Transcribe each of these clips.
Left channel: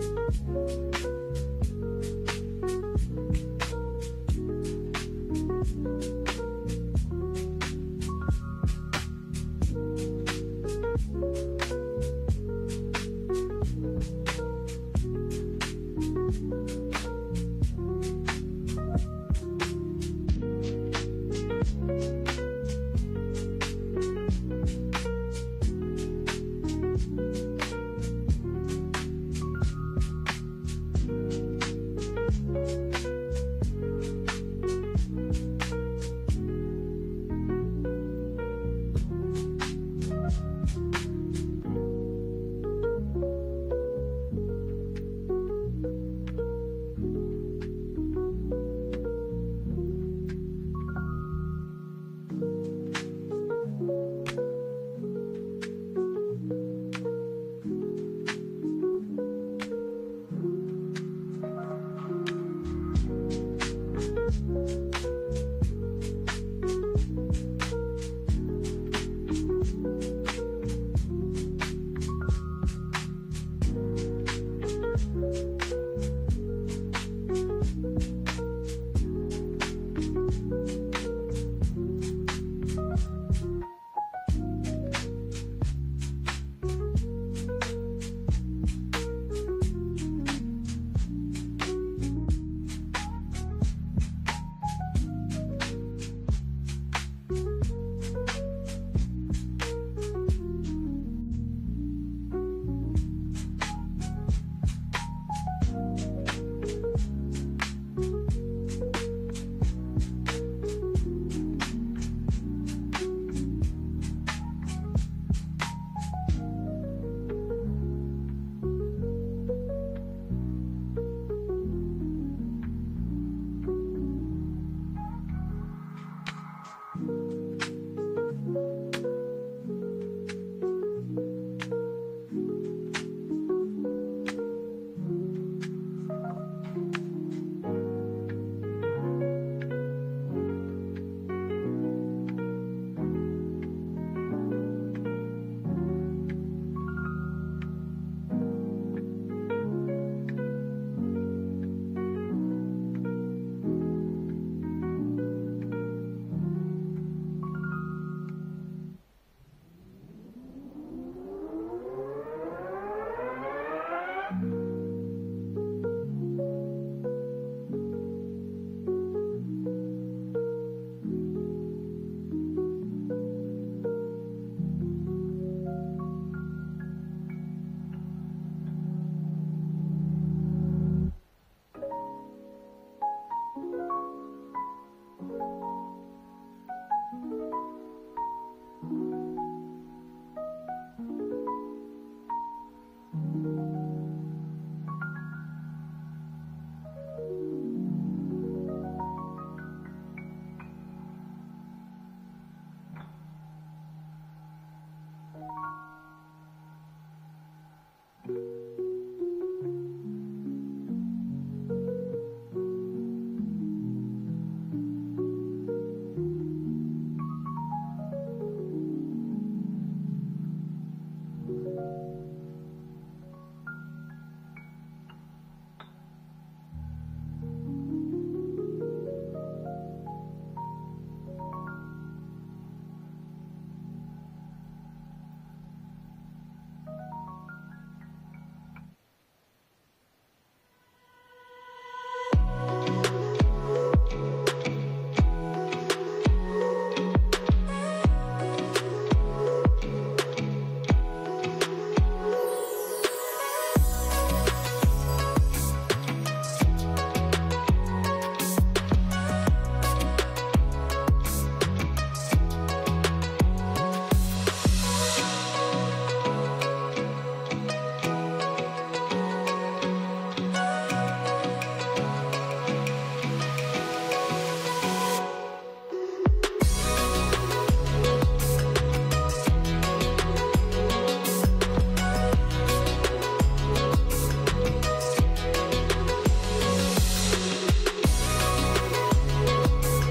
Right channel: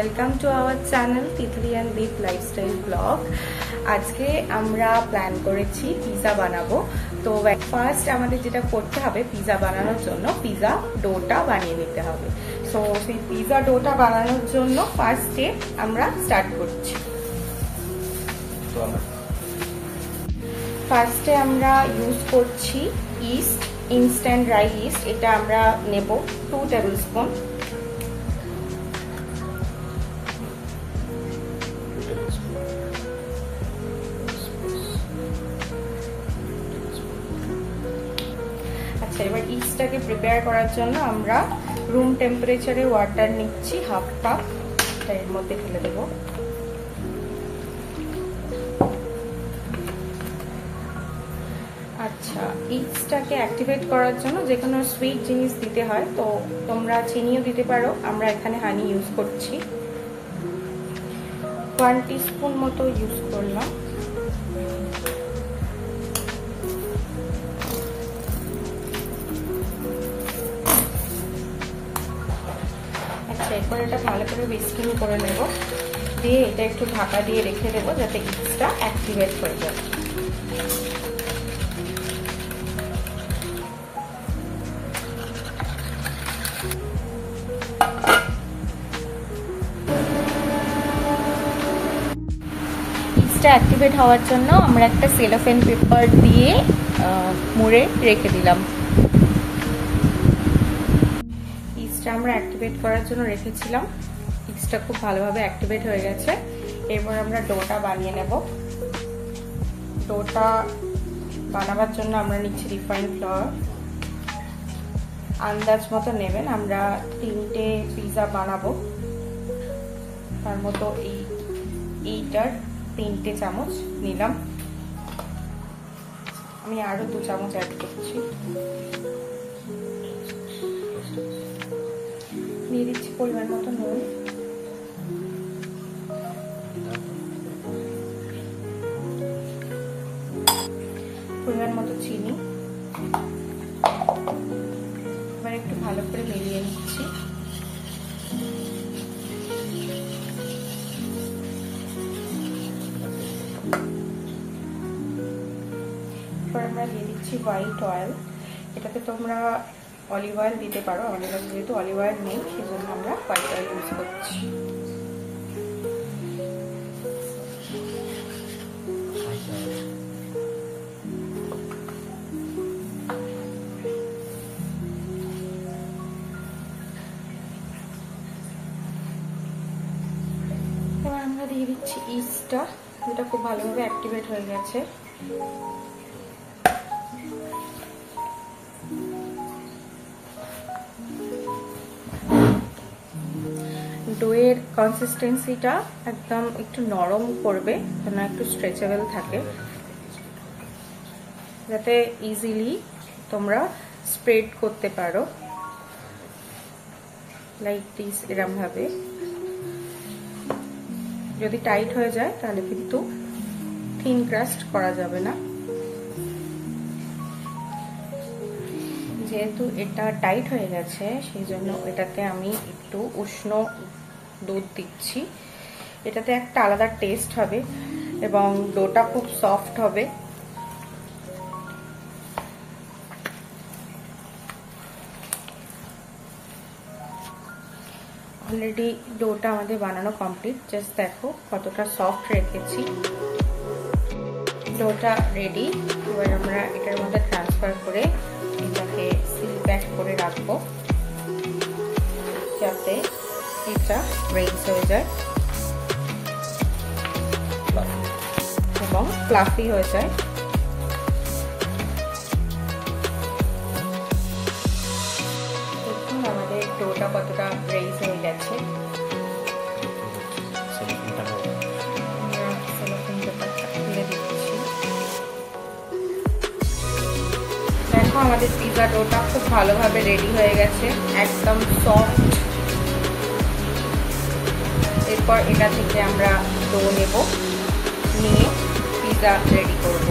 Welcome to our channel Titli and Deep lifestyle blog. আজকে আমরা plan করেছি পিৎজা বানাবো। তো ফার্স্ট আমাদের যেটা করতে হবে পিৎজা বানানোর জন্য পিৎজা ডোটা বানিয়ে নিতে হবে। সো সেই পিৎজা ডোটা বানানোর জন্য ফার্স্ট স্টেপ আমরা স্টার্ট করছি। ফার্স্টে আমরা ইউজ করছি ইস্ট, ইনস্ট্যান্ট ড্রাই ইস্ট। এটা আমরা নেব 2 টেবিল স্পুন। আচ্ছা, এবার ইস্টটাকে প্রিপেয়ার করার জন্য আমরা রুম টেম্পারেচারে ওয়াটার নিচ্ছি হাফ কাপ, এর মধ্যে ঢেলে দেবো। আচ্ছা, ইস্টটাকে অ্যাক্টিভেট করার জন্য যে কোনো সুইট জিনিস দিতে হয়, তো তোমরা চিনিও দিতে পারো। আমরা এখানে হানি ইউজ করছি, 1 টিস্পুন মতো ইউজ করলাম। আচ্ছা, এরপর এটা ভালো করে বিস্কিং করে নেব, দিয়ে এটা একটু ঢাকা দিয়ে রেখে দেবো যাতে ইস্টটা অ্যাক্টিভেট হয়ে যায়। অ্যাক্টিভেট হওয়ার জন্য আমরা একটা সেলোফেন পেপার দিয়ে মুড়ে রেখে দিলাম। ইস্টটা আমরা অ্যাক্টিভেট করার জন্য রেখেছিলাম, ইস্টটা খুব ভালোভাবে অ্যাক্টিভেট হয়ে গেছে। এরপর আমরা ডোটা বানিয়ে নেব। ডোটা বানাবার জন্য আমরা নিচ্ছি রিফাইন্ড ফ্লাওয়ার, আন্দাজ মতো নেবেন। আমরা 3টে পিৎজা বানাবো, তার মতো এইটার 3টে চামচ নিলাম। আমি আরো 2 চামচ অ্যাড করছি, দিয়ে দিচ্ছি পরিমাণ মতো নুন, পরিমাণ মতো চিনি। এবার একটু ভালো করে মিলিয়ে নিচ্ছি। হোয়াইট অয়েল, এটাতে তোমরা অলিভ অয়েল দিতে পারো। আমাদের কাছে যেহেতু অলিভ অয়েল নেই সেজন্য আমরা হোয়াইট অয়েল ইউজ করছি। এবার আমরা দিয়ে দিচ্ছি ইস্টটা, যেটা খুব ভালোভাবে অ্যাক্টিভেট হয়ে গেছে। ডোয়ের কনসিস্টেন্সিটা একদম একটু নরম করবে, যেন একটু স্ট্রেচেবল থাকে, যাতে ইজিলি তোমরা স্প্রেড করতে পারো লাইক দিস, এরকম ভাবে। যদি টাইট হয়ে যায় তাহলে কিন্তু থিন ক্রাস্ট করা যাবে না। যেহেতু এটা টাইট হয়ে গেছে সেই জন্য এটাতে আমি একটু উষ্ণ দুধ দিচ্ছি। এটাতে একটা আলাদা টেস্ট হবে এবং ডোটা খুব সফট হবে। অলরেডি ডোটা আমাদের বানানো কমপ্লিট, জাস্ট দেখো কতটা সফট রেখেছি। ডোটা রেডি। এবার আমরা এটার মধ্যে ট্রান্সফার করে এটাকে সিল প্যাক করে রাখবো যাতে এটা ব্রেক হয়ে যায় এবং ফ্লাফি হয়ে যায়। দেখুন আমাদের ডোটা কতটা ব্রেক হয়ে গেছে। দেখো আমাদের পিৎজা ডোটা খুব ভালোভাবে রেডি হয়ে গেছে, একদম সফট। এরপর এটা থেকে আমরা ডো নেব, নিয়ে পিৎজা রেডি করব।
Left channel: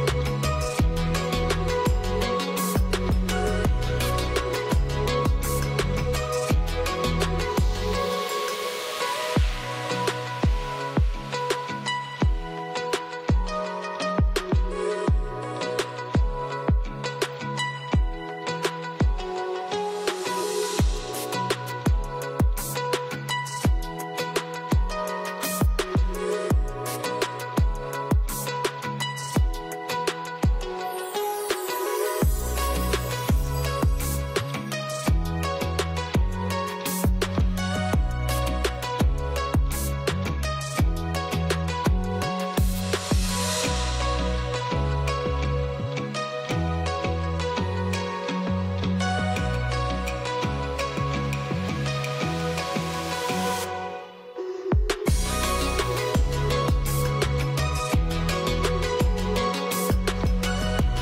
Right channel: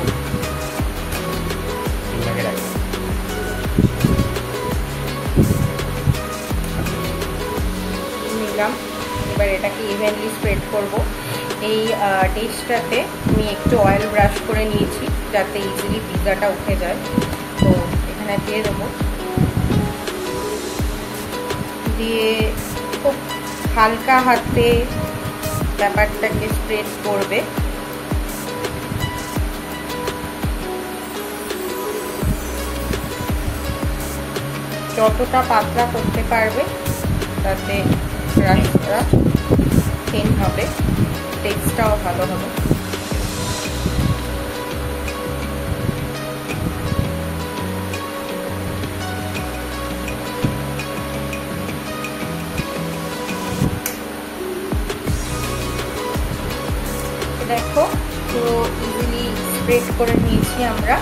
নিলাম এবার এটাকে ইভেনলি স্প্রেড করব। এই ডিশটাতে আমি একটু অয়েল ব্রাশ করে নিয়েছি যাতে ইজিলি পিৎজাটা উঠে যায়। তো এখানে দিয়ে দেবো, দিয়ে খুব হালকা হাতে ব্যাপারটাকে স্প্রেড করবে। যতটা পাতলা করতে পারবে তাতে রাস্তা থিন হবে, টেক্সটাও ভালো হবে। দেখো পুরো ইজিলি স্প্রেড করে নিয়েছি আমরা।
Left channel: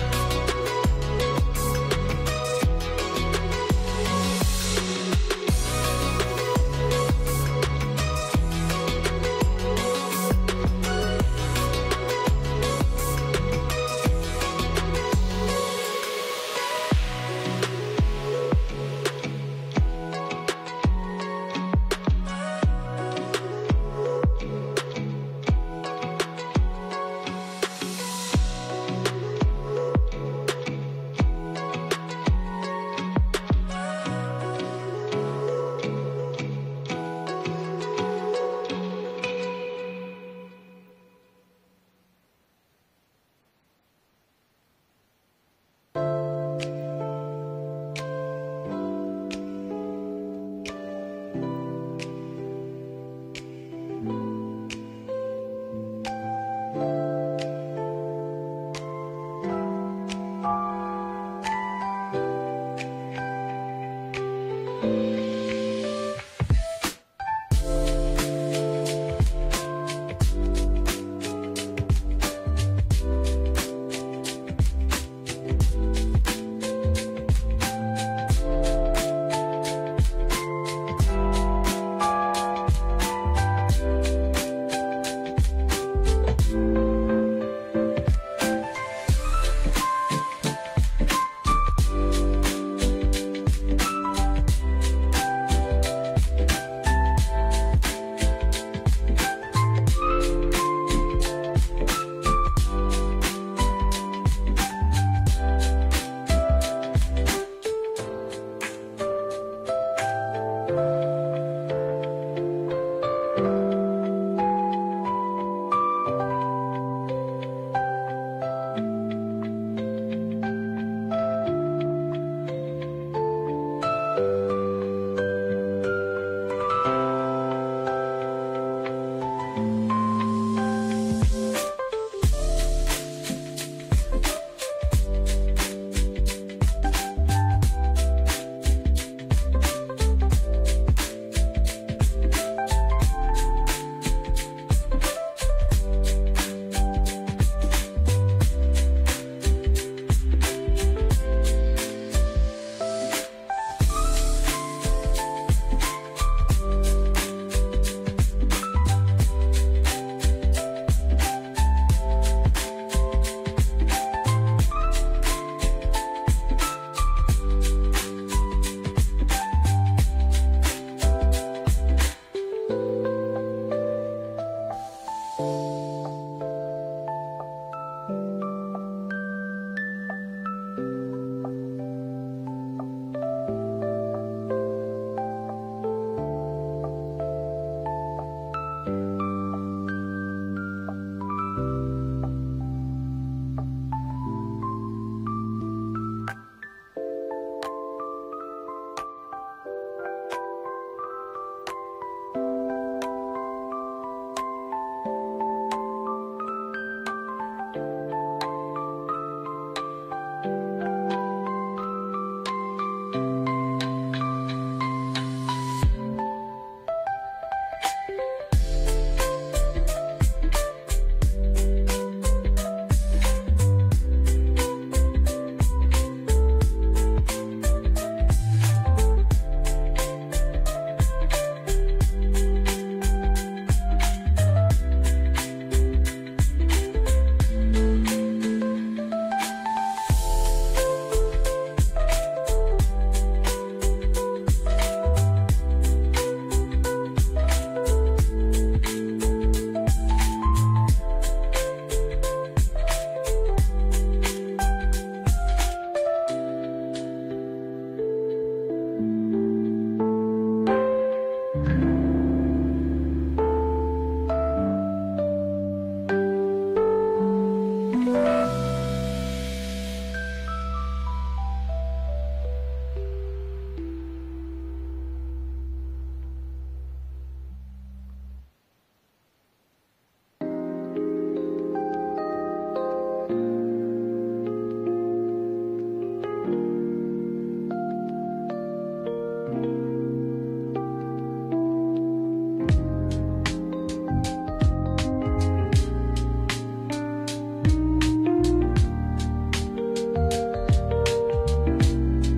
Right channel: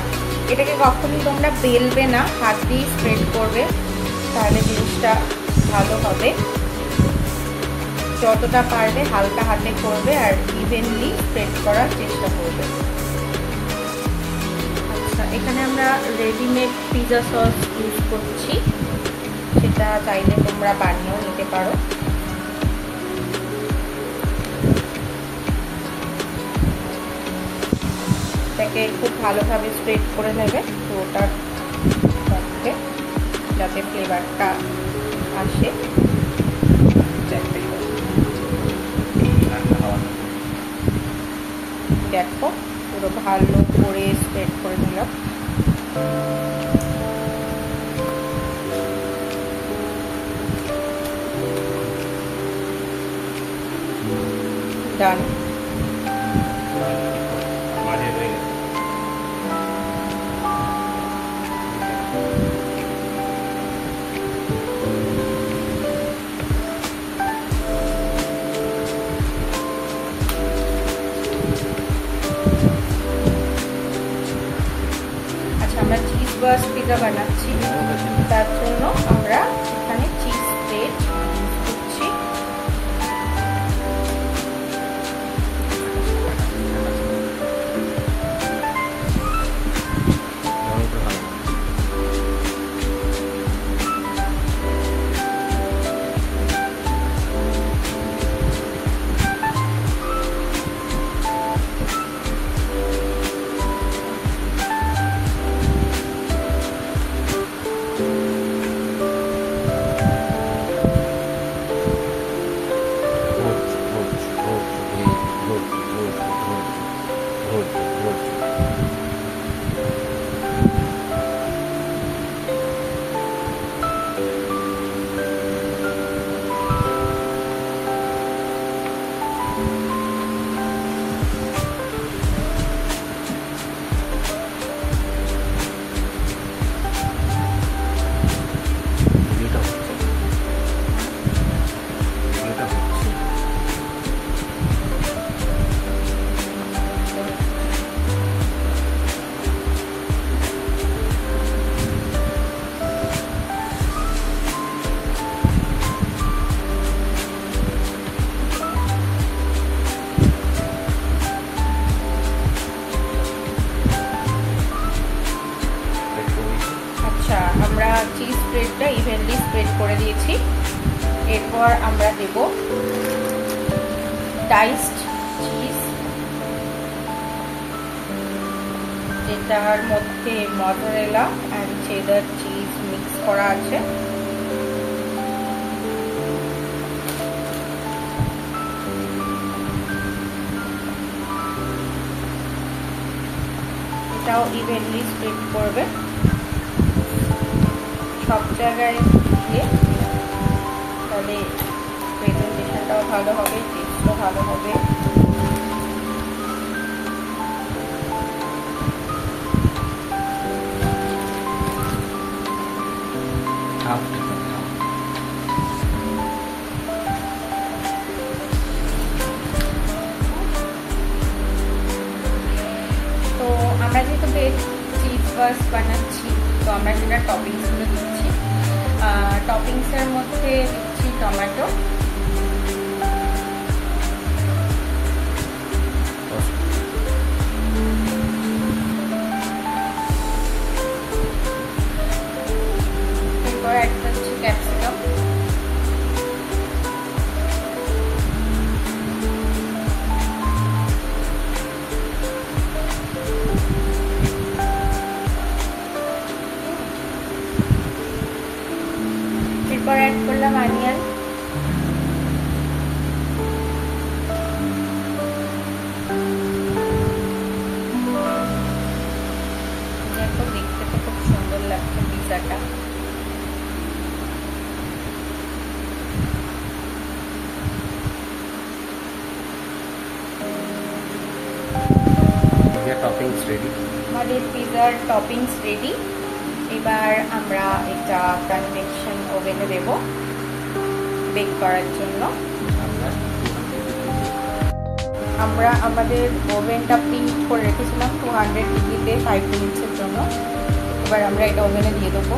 এটাকে কখনই তোমরা বেলবে না, হাত দিয়ে স্প্রেড করবে, তাহলে জিনিসটা ভালো হবে। যতটা পারবে হালকা হাতে করবে আর ইভেনলি স্প্রেড করার চেষ্টা করবে। আচ্ছা, এখানে আমরা রেডিমেড পিৎজা সস ইউজ করছি, সেটা চাইলে তোমরা বানিয়েও নিতে পারো। এটাকে খুব ভালোভাবে স্প্রেড করে নেবে পুরোটার মধ্যে, যাতে ফ্লেভারটা আসে। দেখো পুরো ভালো করে স্প্রেড করে দিলাম। ডান। আমরা চিজ বার্স্ট পিৎজা বানাচ্ছি, তার জন্য আমরা এখানে চিজ স্প্রেড দিচ্ছি। ডাইসড চিজ, যেটার মধ্যে mozzarella and cheddar cheese mix করা আছে। এটাও ইভেনলি স্প্রেড করবে সব জায়গায় দিয়ে, তাহলে প্রেজেন্টেশনটাও ভালো হবে, টেস্টও ভালো হবে। বানাচ্ছি তো আমরা সেটা টপিংসগুলো দিচ্ছি। টপিংসের মধ্যে দিচ্ছি টমেটো, পিজার টপিংস রেডি। এবার আমরা এটা কনভেকশন ওভেনে দেব বেক করার জন্য। আমরা আমাদের ওভেনটা প্রিহিট করে রেখেছিলাম 200 ডিগ্রিতে 5 মিনিটসের জন্য। এবার আমরা এটা ওভেনে দিয়ে দেবো।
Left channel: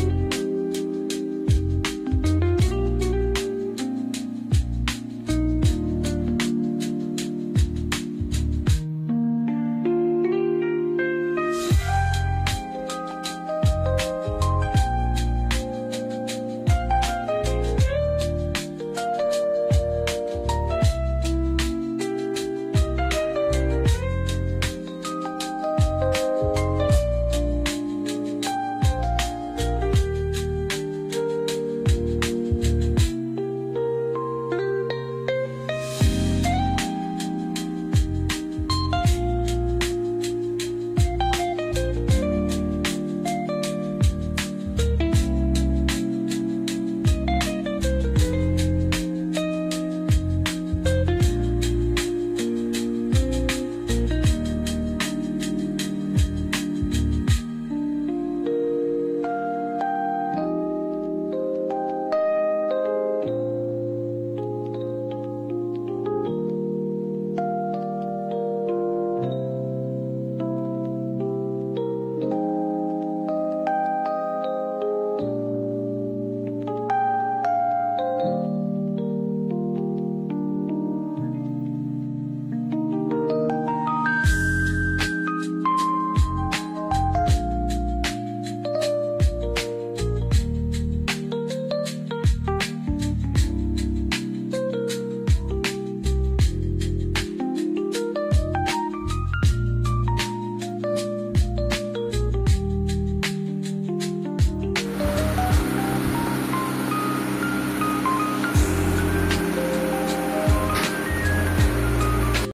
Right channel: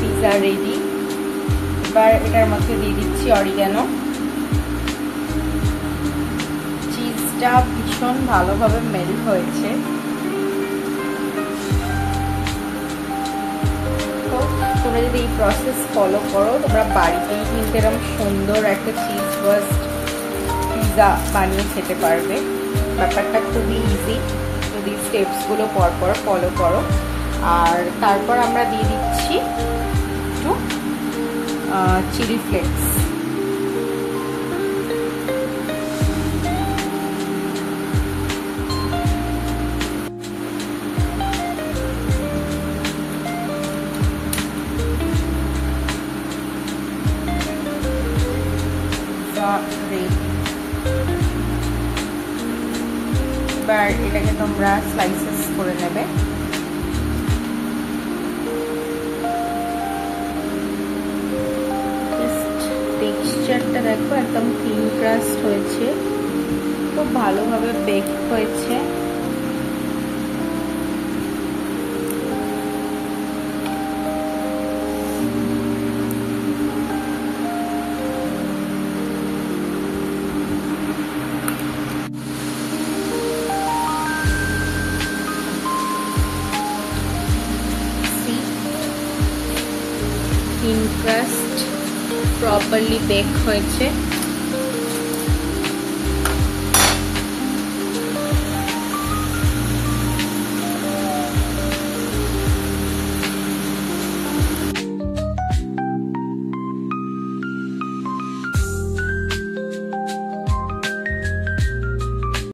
Pizza ready. এবার এটার মধ্যে দিয়ে দিচ্ছি অরিগানো। চিজটা ভীষণ ভালোভাবে মেল্ট হয়েছে। তো তোমরা যদি এই প্রসেস ফলো করো, তোমরা বাড়িতেই কিন্তু এরকম সুন্দর একটা চিজ বাস্ট পিজা বানিয়ে খেতে পারবে। ব্যাপারটা খুবই ইজি যদি স্টেপসগুলো পরপর ফলো করো। আর তারপর আমরা দিয়ে দিচ্ছি একটু চিলি ফ্লেক্স। এবার এটাকে তোমরা স্লাইসেস করে নেবে। টেক্সচারটা দেখো, একদম থিন ক্রাস্ট হয়েছে, খুব ভালোভাবে বেক হয়েছে। থিন ক্রাস্ট প্রপারলি বেক হয়েছে।